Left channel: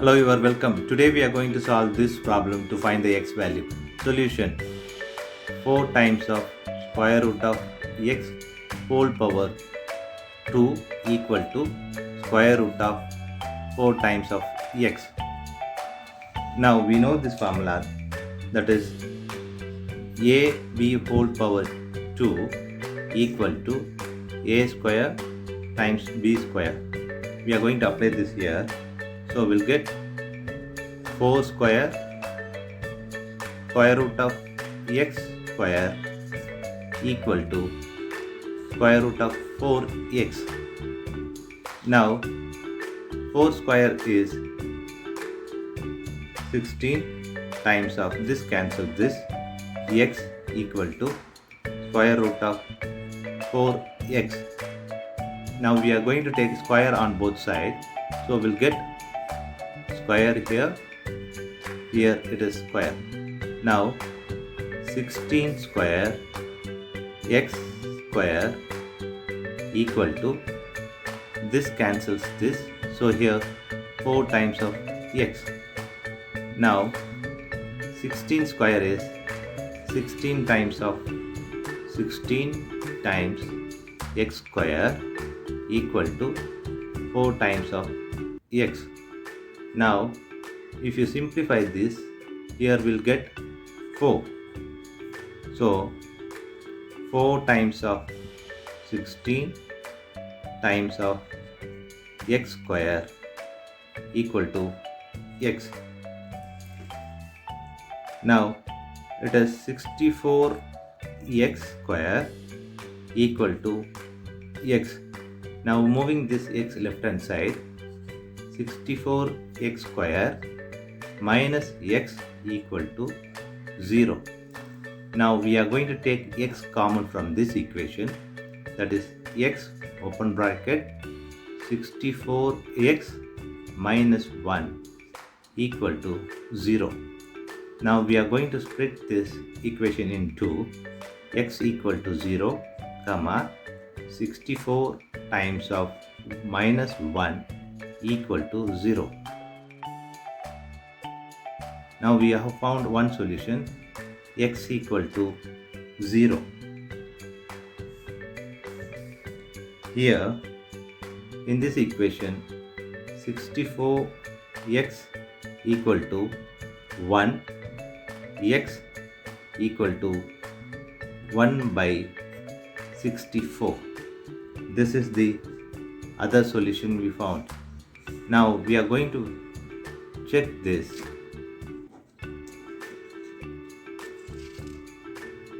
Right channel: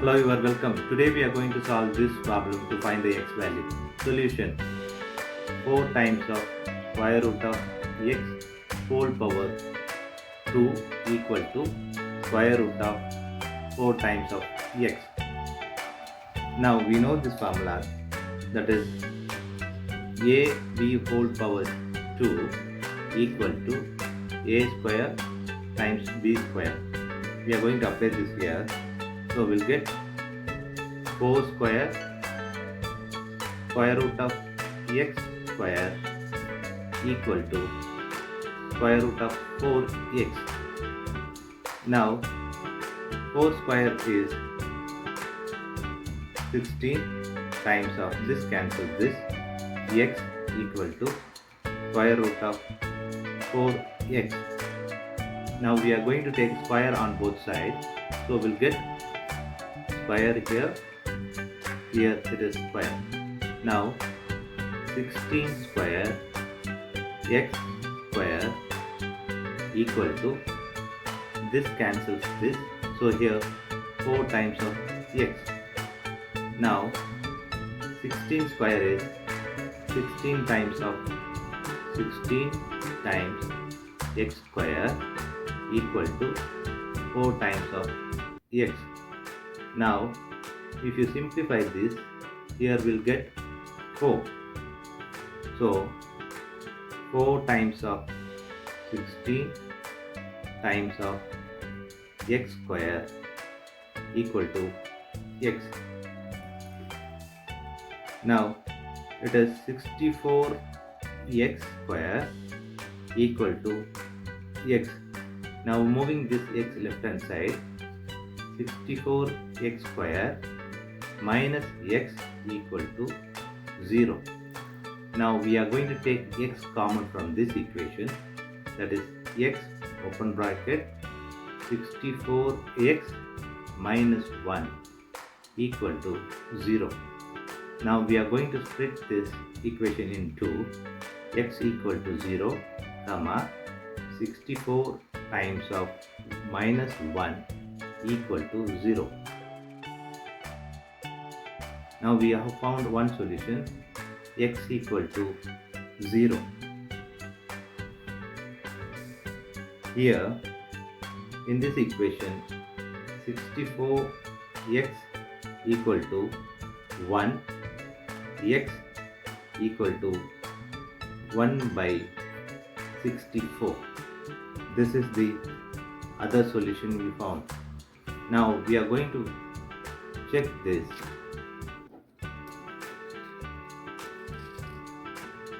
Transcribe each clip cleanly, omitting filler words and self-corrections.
Hello, you are welcome. Today we are going to solve this problem to find the x value. Solution: 4 times of square root of x whole power 2 equal to square root of 4 times of x. Now we know this formula, that is ab whole power 2 equal to a square times b square. We are going to apply this here. So we'll get 4 square root of x square equal to square root of 4x. Now 4 square is 16 times of this, cancel this, x equal to square root of 4x. Now we are going to take square on both sides, so we'll get square here it is square. Now 16 square x square equal to, this cancels this, so here 4 times of x. Now 16 square is 16 times of 16 times x square equal to 4 times of x. Now if you simplify this, here we'll get 4. So 4 times of 16 times of x square equal to x. Now it is 64x square equal to x. Now moving this x left hand side, 64x square minus x equal to 0. Now we are going to take x common from this equation, that is x open bracket 64x minus 1 equal to 0. Now we are going to split this equation in two, x equal to 0, comma 64 times of minus 1 equal to 0. Now we have found one solution, x equal to 0. Here in this equation, 64x equal to 1, x equal to 1 by 64. This is the other solution we found. Now we are going to check this.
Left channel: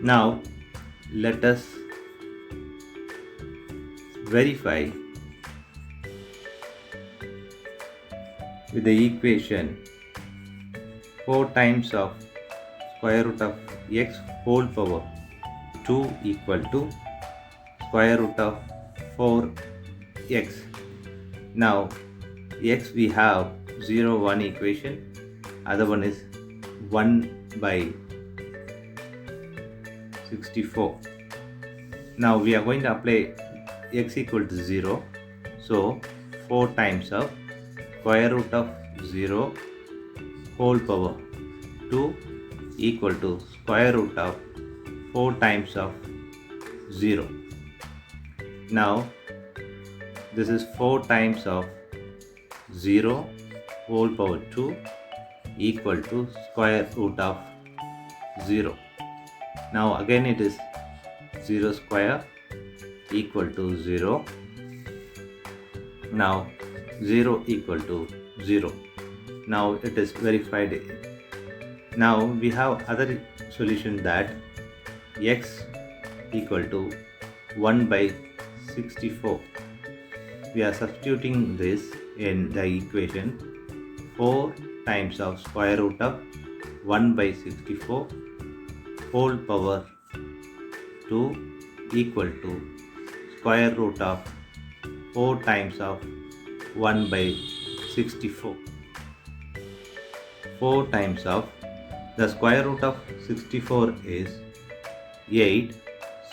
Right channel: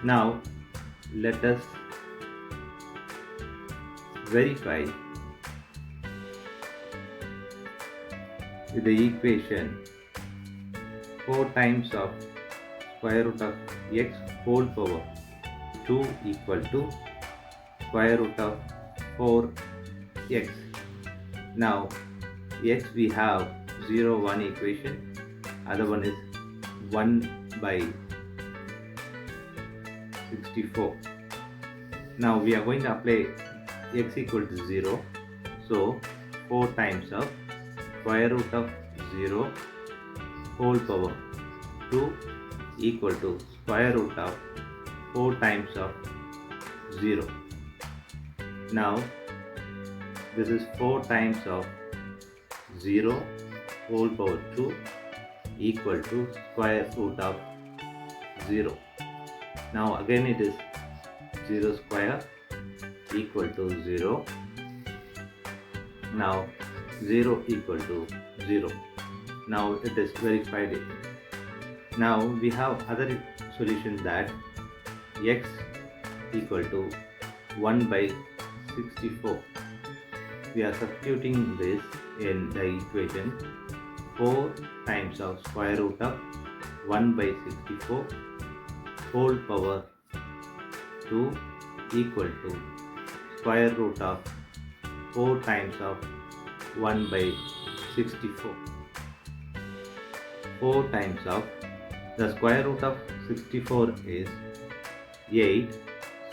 Now let us verify with the equation 4 times of square root of x whole power 2 equal to square root of 4x. Now x we have 0, 1 equation, other one is 1 by 64. Now we are going to apply x equal to 0, so 4 times of square root of 0 whole power 2 equal to square root of 4 times of 0. Now this is 4 times of 0 whole power 2 equal to square root of 0. Now again it is 0 square equal to 0. Now 0 equal to 0. Now it is verified. Now we have other solution, that x equal to 1 by 64. We are substituting this in the equation, 4 times of square root of 1 by 64 whole power 2 equal to square root of 4 times of 1 by 64. 4 times of, the square root of 64 is 8,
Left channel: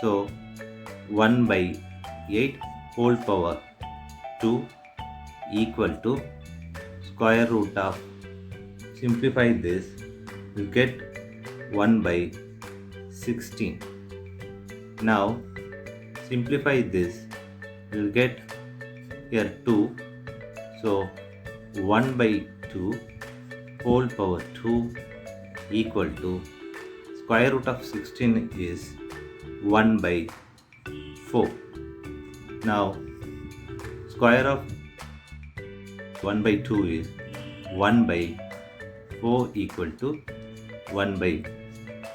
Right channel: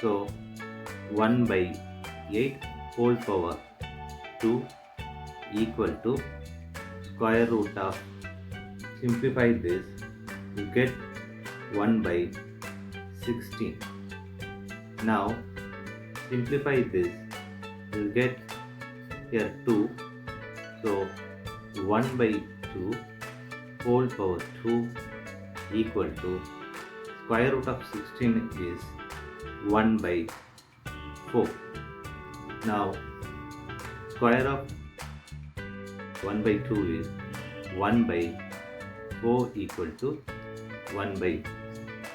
so 1 by 8 whole power 2 equal to square root of, simplify this, you get 1 by 16. Now simplify this, you get here 2, so 1 by 2 whole power 2 equal to square root of 16 is 1 by 4. Now square of 1 by 2 is 1 by 4 equal to 1 by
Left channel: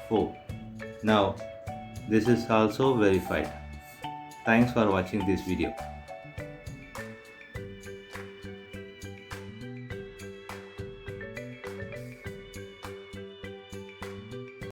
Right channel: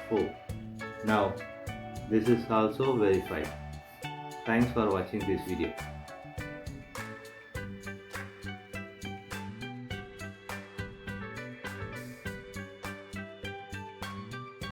4. Now this is also verified. Thanks for watching this video.